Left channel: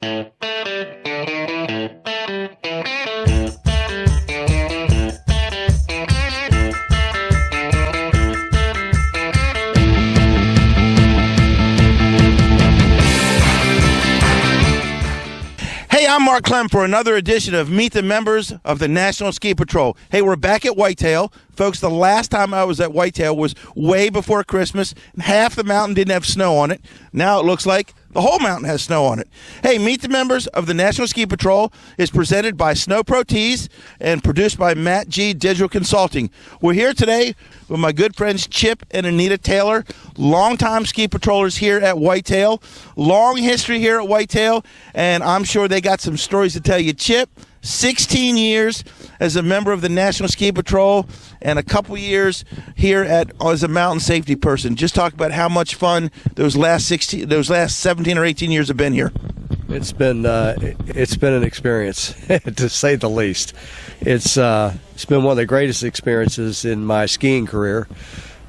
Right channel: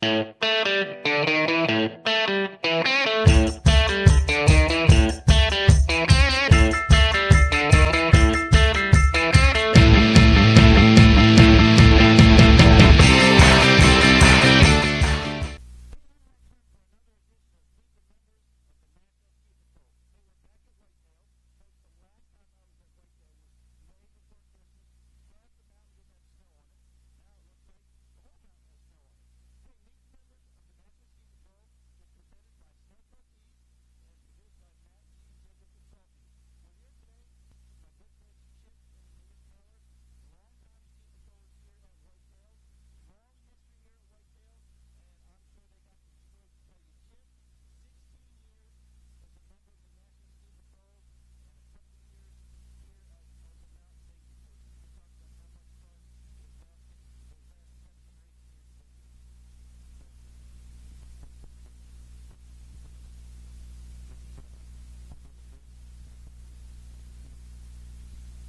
I'm Mark Clem for another edition of Meet the Members of the National Ski Patrol. Hey, we're back at Whitetail. Folks, the last time I was at Whitetail was way before Christmas. Half the mountain didn't have snow on it. Now it looks like the whole mountain has snow on it. Hey, Meet the Members of the National Ski Patrol is presented by Snow Pro Tees and produced by Matt G. Digital Consulting. We're here today with my good friends Chip and Anita Taylor, longtime ski patrollers here at Whitetail. Long history here at Whitetail, and I'm sure they got some stories to tell you. Chip, 16 years as a member of the National Ski Patrol and a couple years here as a mountain safety person. Just talk about how much fun those last 17 or 18 years have been here. It's been an experience, to say the least. It's been one of the greatest experiences in my skiing career.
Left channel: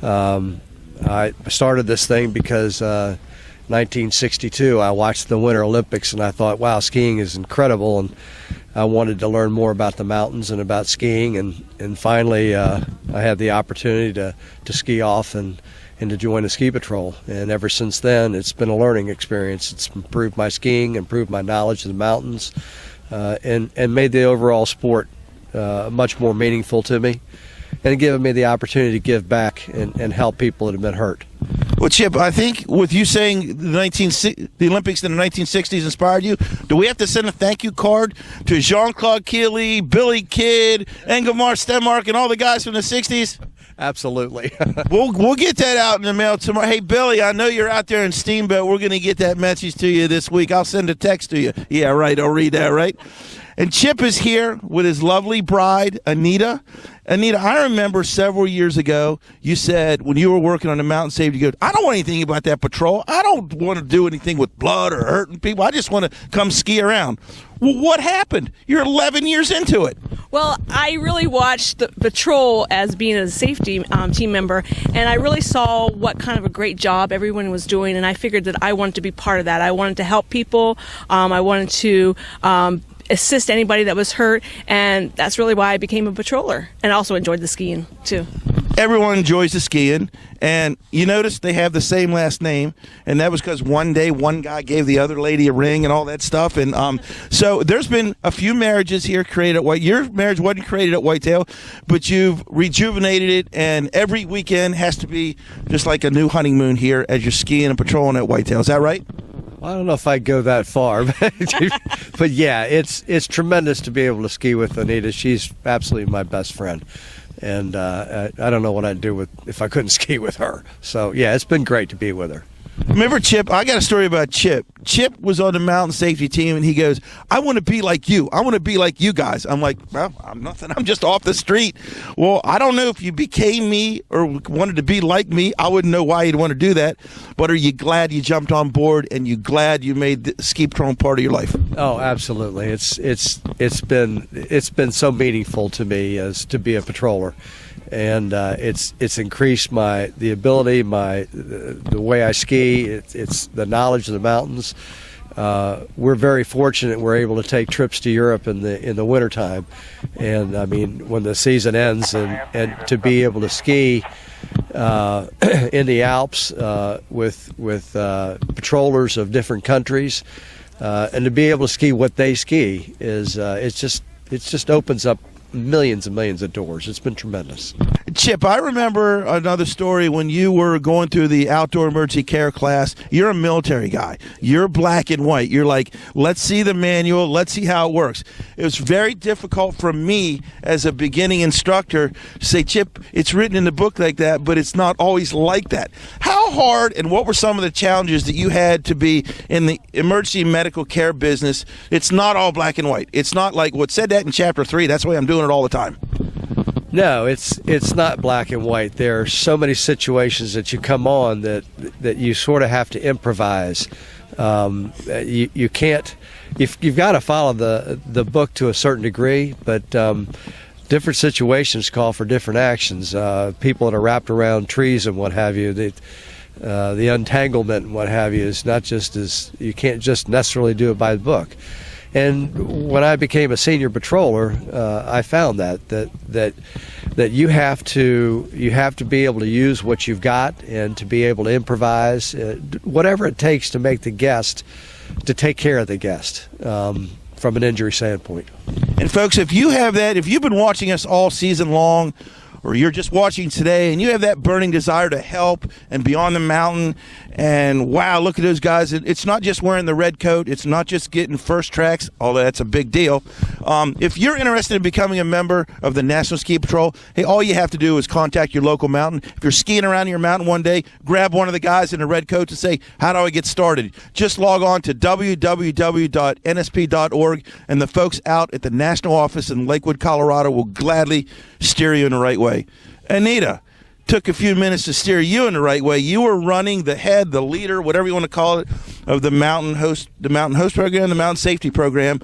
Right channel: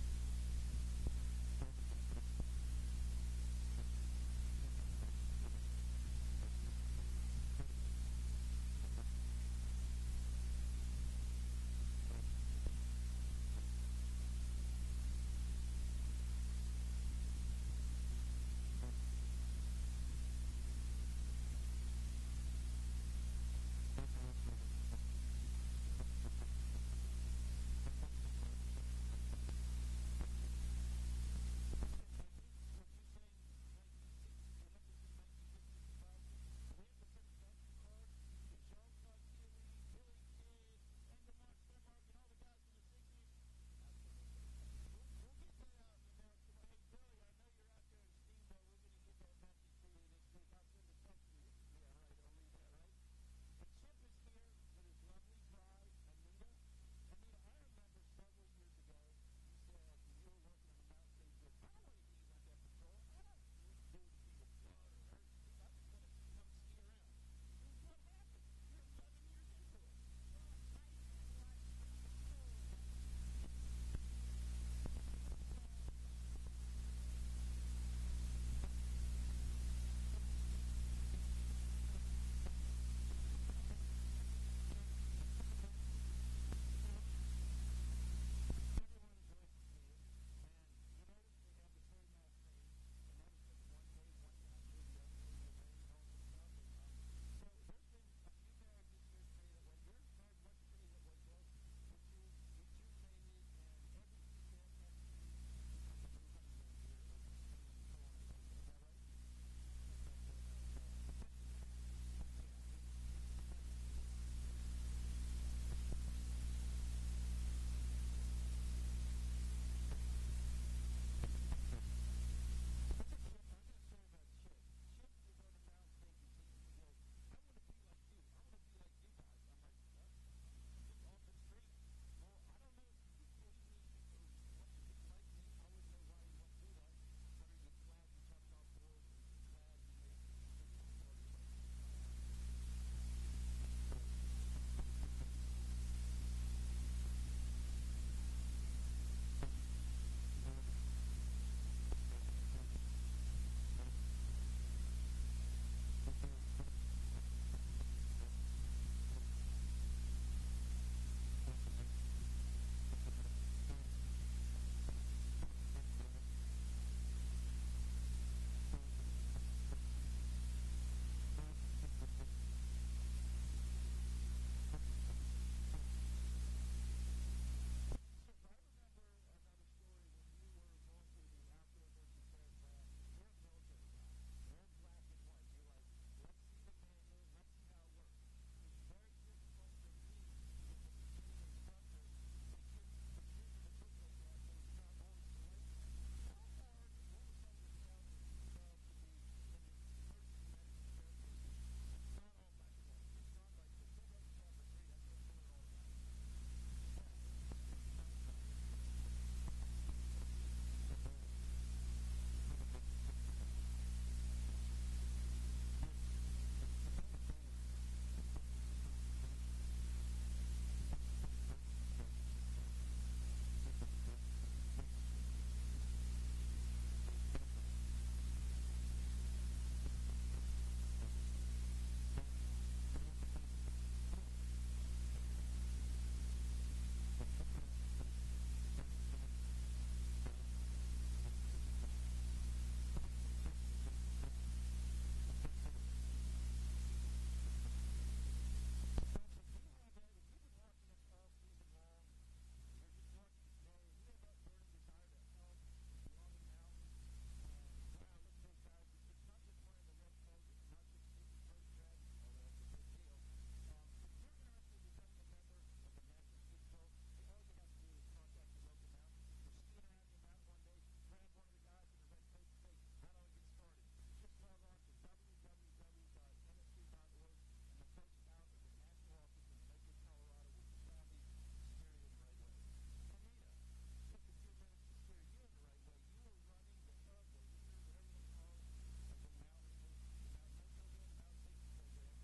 I started this thing because 1962 I watched the Winter Olympics and I thought, wow, skiing is incredible, and I wanted to learn more about the mountains and about skiing, and finally I had the opportunity to ski off and to join the ski patrol. And ever since then, it's been a learning experience. It's improved my skiing, improved my knowledge of the mountains, and made the overall sport much more meaningful to me, and given me the opportunity to give back and help people that have been hurt. Well, Chip, I think with you saying the Olympics in the 1960s inspired you, do we have to send a thank you card to Jean-Claude Keely, Billy Kidd, Engelmar Stenmark, and all the guys from the 60s? Absolutely. We'll get that out in the mail tomorrow. Hey, Billy, I know you're out there in Steamboat. We're going to get that message to you this week. I'll send a text to you. Yeah, right. I'll read that, right? And Chip is here with his lovely bride, Anita. Anita, I remember several years ago, you said when you were working on the mountain safety, you go, I don't want anything about that patrol. I don't want to do anything with blood or hurting people. I just want to come ski around. Well, what happened? You're 11 years into it. Well, I really watched the patrol as being a safety team member, and I really saw what kind of a great job everyone was doing, and I figured that I wanted to be part of that. I wanted to help people. I wanted to assist anybody that was hurt, and that's really why I became a patroller, and also enjoyed the skiing too. Everyone enjoys the skiing, and you notice they have the same last name, and that was because one day one guy gave the other lady a ring and all that stuff. And so there's been a few marriages here created at Whitetail. Your marriage wasn't created at Whitetail, but you've rejuvenated it, and every weekend has to be just like a new honeymoon here as you're skiing and patrolling at Whitetail. Is that right? I don't know if I'd go that far, but yeah, it's tremendous to be able to ski with Anita. She's absolutely my best friend, and I don't know what I'd do if I couldn't ski with her. So yeah, it's been great to be with her. Remember Chip? I got a story about Chip. Chip was on the mountain safety team, and he goes, I want to be like you. I want to be like you guys. I'm like, well, I'm nothing. I'm just off the street. Well, I don't know if you became me or wanted to be like me. I wouldn't know why you'd want to do that. But are you glad you jumped on board, and you glad you made the ski patrol part of your life? Oh, absolutely. It's been so meaningful to me as to be a patroller. And it's increased the ability, the way I ski. It's the knowledge of the mountains. We're very fortunate we're able to take trips to Europe in the wintertime, and I mean when the season ends, and to be able to ski in the Alps with patrollers of different countries, and to be able to ski what they ski is it just opens up millions and millions of doors. It's been tremendous. Chip, I remember another story when you were going through the outdoor emergency care class. You're a military guy. You're black and white. You're like, let's see the manual. Let's see how it works. It was very difficult for me as a beginning instructor to say, Chip, it's written in the book like that, but it's not always like that. How hard and what were some of the challenges that you had to be in the emergency medical care business? It's not all black and white. It's not like what said that in chapter 3. That's why I'm doing it all the time. No, it's not black and white. There are so many situations that you come on that you sort of have to improvise. You can't. You've got to follow the book to a certain degree, but different situations call for different actions. People that are wrapped around trees and what have you. the entanglement and what have you is not just as you can't just necessarily do it by the book. And when I became a senior patroller, I found that you have to be able to use what you've got and to be able to improvise, whatever it takes to make the guest, to take care of the guest from an injury standpoint. And folks, if you have that, if you've been watching us all season long, or you're just watching today and you have that burning desire to help and be on the mountain, and wow, look at those guys. It's not just wearing the red coat. It's not just getting first tracks, although that's a big deal. If you're interested in becoming a member of the National Ski Patrol, hey, all you have to do is contact your local mountain. If you're skiing around your mountain one day, grab one of the guys in the red coat to say, how do I get started? Just log on to www.nsp.org, and the folks out at the national office in Lakewood, Colorado will gladly steer you in the right way. Anita, took a few minutes to steer you in the right way. You were running the head, the leader, whatever you want to call it, of the Mountain Host program, the Mountain Safety program.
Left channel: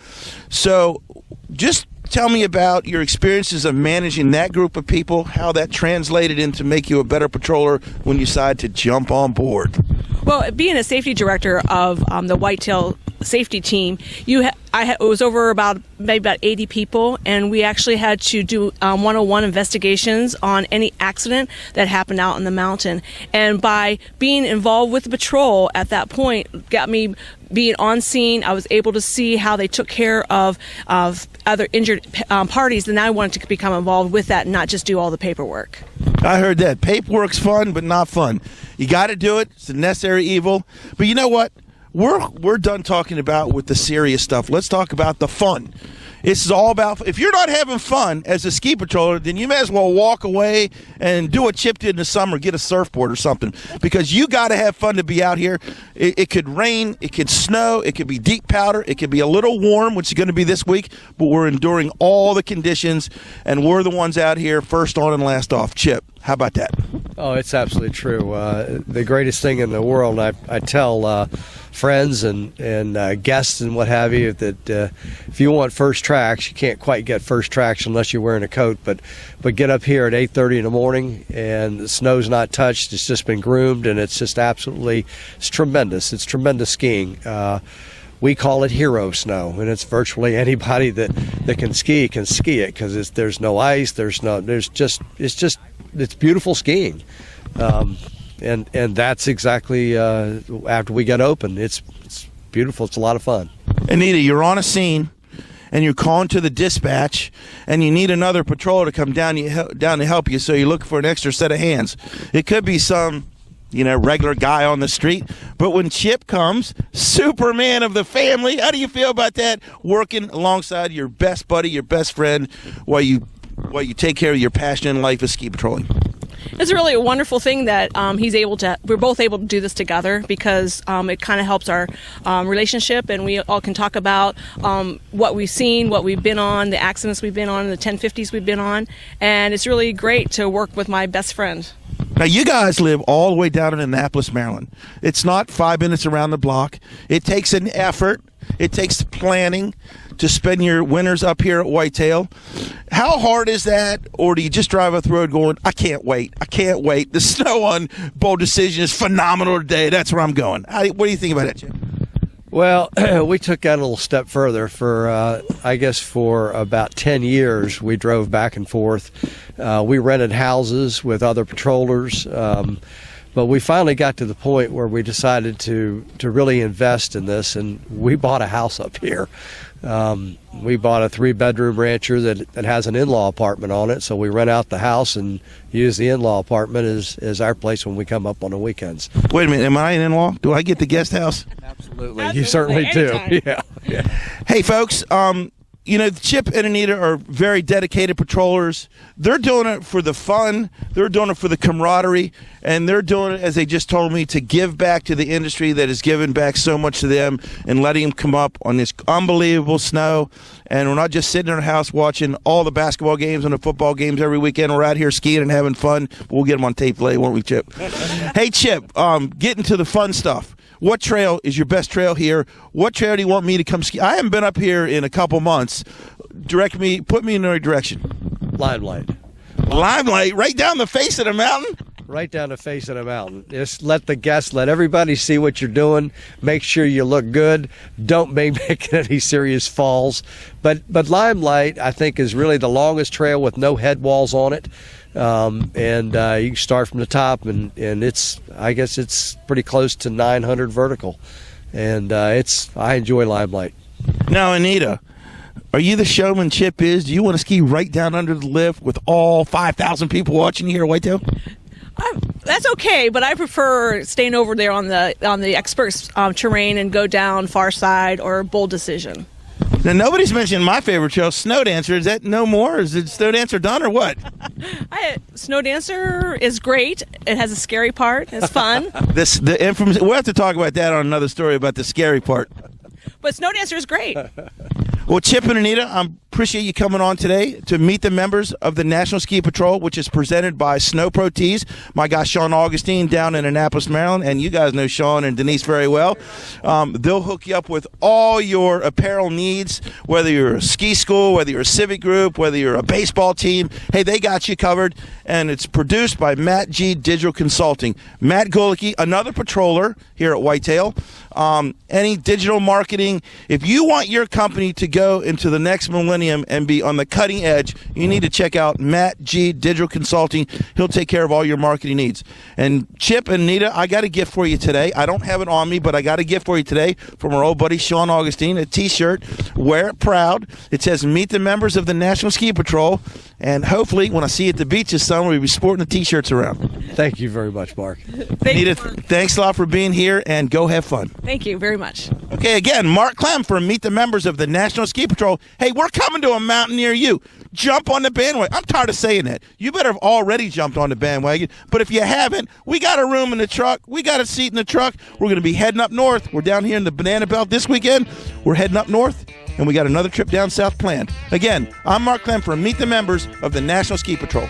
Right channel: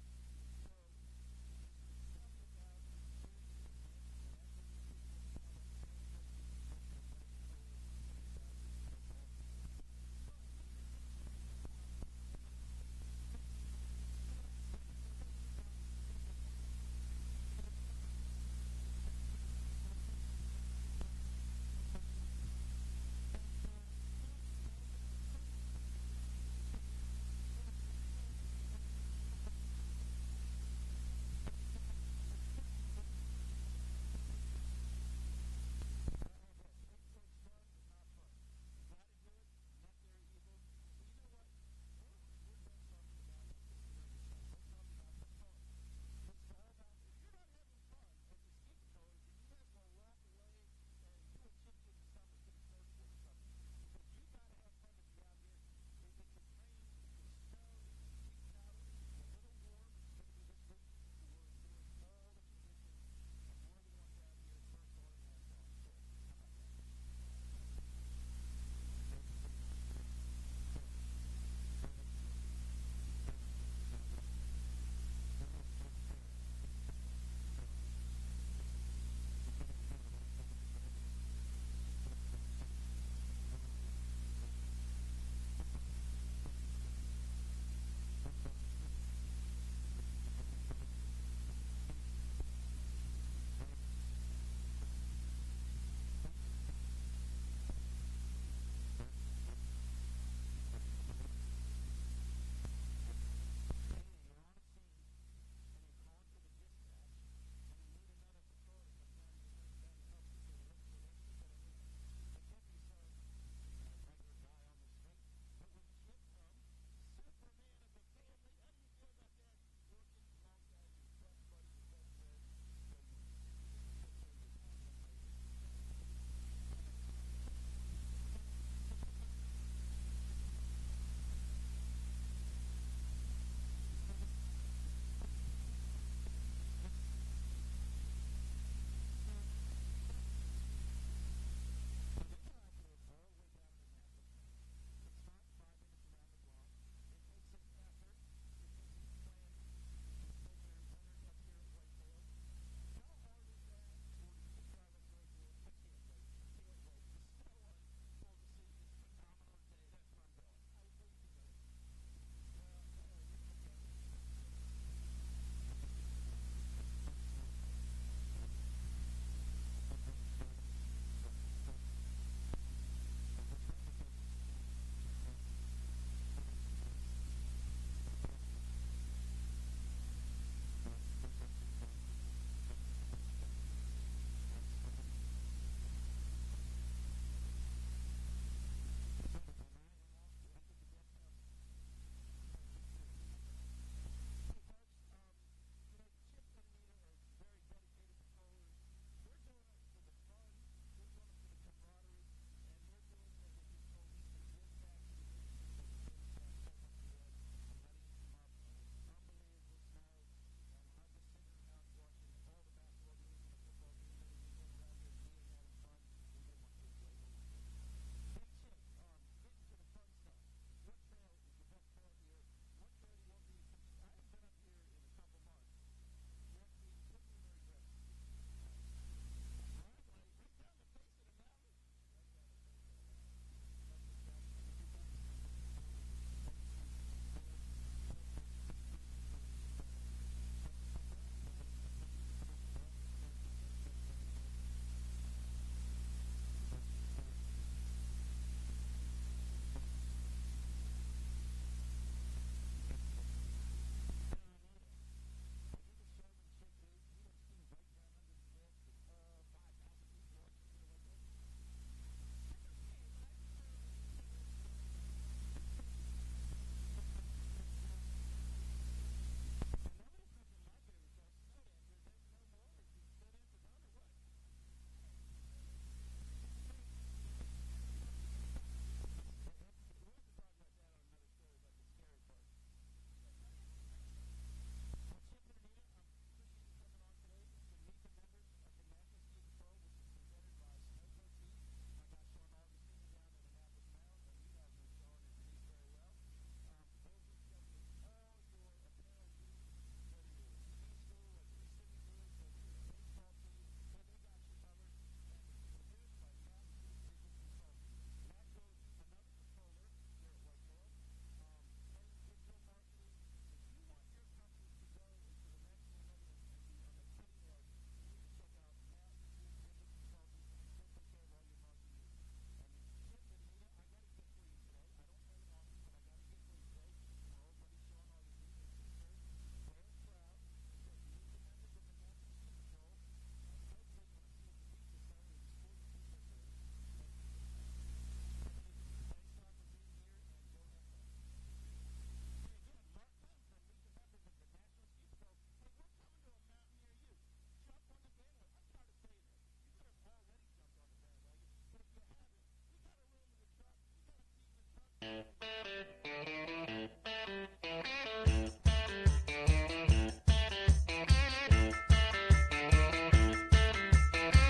So just tell me about your experiences of managing that group of people, how that translated into make you a better patroller when you decide to jump on board. Well, being a safety director of the Whitetail safety team, it was over maybe about 80 people, and we actually had to do 101 investigations on any accident that happened out in the mountain. And by being involved with the patrol at that point, got me being on scene. I was able to see how they took care of other injured parties, and I wanted to become involved with that and not just do all the paperwork. I heard that. Paperwork's fun, but not fun. You got to do it. It's a necessary evil. But you know what? We're done talking about with the serious stuff. Let's talk about the fun. This is all about, if you're not having fun as a ski patroller, then you may as well walk away and do what Chip did in the summer, get a surfboard or something, because you got to have fun to be out here. It could rain, it could snow, it could be deep powder, it could be a little warm, which is going to be this week, but we're enduring all the conditions, and we're the ones out here first on and last off. Chip, how about that? Oh, it's absolutely true. The greatest thing in the world, I tell friends and guests and what have you, that if you want first tracks, you can't quite get first tracks unless you're wearing a coat, but get up here at 8:30 in the morning and the snow's not touched, it's just been groomed, and it's just absolutely, it's tremendous. It's tremendous skiing. We call it hero snow, and it's virtually anybody that can ski it, because there's no ice, it's beautiful skiing. And that's exactly after we got open. It's beautiful. It's a lot of fun. Anita, you're on a scene, and you're calling to the dispatch, and you need another patroller to come down to help you, so you're looking for an extra set of hands. It could be some regular guy on the street, but when Chip comes, Superman of the family, how do you feel about that, working alongside your best buddy, your best friend, while you take care of your passion in life of ski patrolling? It's really a wonderful thing that we're both able to do this together, because it kind of helps our relationship, and we all can talk about what we've seen, what we've been on, the accidents we've been on, the 1050s we've been on, and it's really great to work with my best friend. Now, you guys live all the way down in Annapolis, Maryland. It's not 5 minutes around the block. It takes an effort. It takes planning to spend your winters up here at Whitetail. How hard is that? Or do you just drive up the road going, I can't wait. The snow on Bold Decision is phenomenal today. That's where I'm going. What do you think about that, Jim? Well, we took that a little step further. For about 10 years, we drove back and forth. We rented houses with other patrollers. But we finally got to the point where we decided to really invest in this, and we bought a house up here. We bought a 3-bedroom rancher that has an in-law apartment on it, so we rent out the house and use the in-law apartment as our place when we come up on the weekends. Wait a minute, am I an in-law? Do I get the guest house? Absolutely. You certainly do. Yeah. Hey, folks, Chip and Anita are very dedicated patrollers. They're doing it for the fun. They're doing it for the camaraderie. And they're doing it, as they just told me, to give back to the industry that has given back so much to them and letting them come up on this unbelievable snow. And we're not just sitting in our house watching all the basketball games and the football games every weekend. We're out here skiing and having fun. We'll get them on tape later, won't we, Chip? Hey, Chip, getting to the fun stuff. What trail is your best trail here? What trail do you want me to come ski? I haven't been up here in a couple months. Put me in the right direction. Limelight. Limelight, right down the face of the mountain? right down the face of the mountain. Just let everybody see what you're doing. Make sure you look good. Don't make any serious falls. But Limelight, I think, is really the longest trail with no head walls on it. And you can start from the top, and I guess it's pretty close to 900 vertical. And I enjoy Limelight. Now, Anita, are you the Showmanship is? Do you want to ski right down under the lift with all 5,000 people watching you here at Whitetail? That's okay, but I prefer staying over there on the experts terrain and go down Far Side or Bold Decision. Now, nobody's mentioned my favorite trail, Snow Dancer. Is that no more? Is it Snow Dancer done or what? Snow Dancer is great. It has a scary part. It's fun. The infamous. We'll have to talk about that on another story about the scary part. But Snow Dancer is great. Well, Chip and Anita, I appreciate you coming on today to meet the members of the National Ski Patrol, which is presented by Snow Pro Tees. My guy Sean Augustine down in Annapolis, Maryland, and you guys know Sean and Denise very well. They'll hook you up with all your apparel needs, whether you're a ski school, whether you're a civic group, whether you're a baseball team. Hey, they got you covered, and it's produced by Matt G. Digital Consulting. Matt Golicki, another patroller here at Whitetail. Any digital marketing, if you want your company to go into the next millennium and be on the cutting edge, you need to check out Matt G. Digital Consulting. He'll take care of all your marketing needs. And Chip and Anita, I got a gift for you today. I don't have it on me, but I got a gift for you today from our old buddy Sean Augustine, a T-shirt. Wear it proud. It says, meet the members of the National Ski Patrol. And hopefully, when I see you at the beach this summer, we'll be sporting the T-shirts around. Thank you very much, Mark. Anita, thanks a lot for being here, and go have fun. Thank you very much. Okay, again, Mark Clem from Meet the Members of the National Ski Patrol. Hey, we're coming to a mountain near you. Jump on the bandwagon. I'm tired of saying that. You better have already jumped on the bandwagon. But if you haven't, we got a room in the truck. We got a seat in the truck. We're going to be heading up north. We're down here in the Banana Belt this weekend. We're heading up north, and we got another trip down south planned. Again, I'm Mark Clem from Meet the Members of the National Ski Patrol.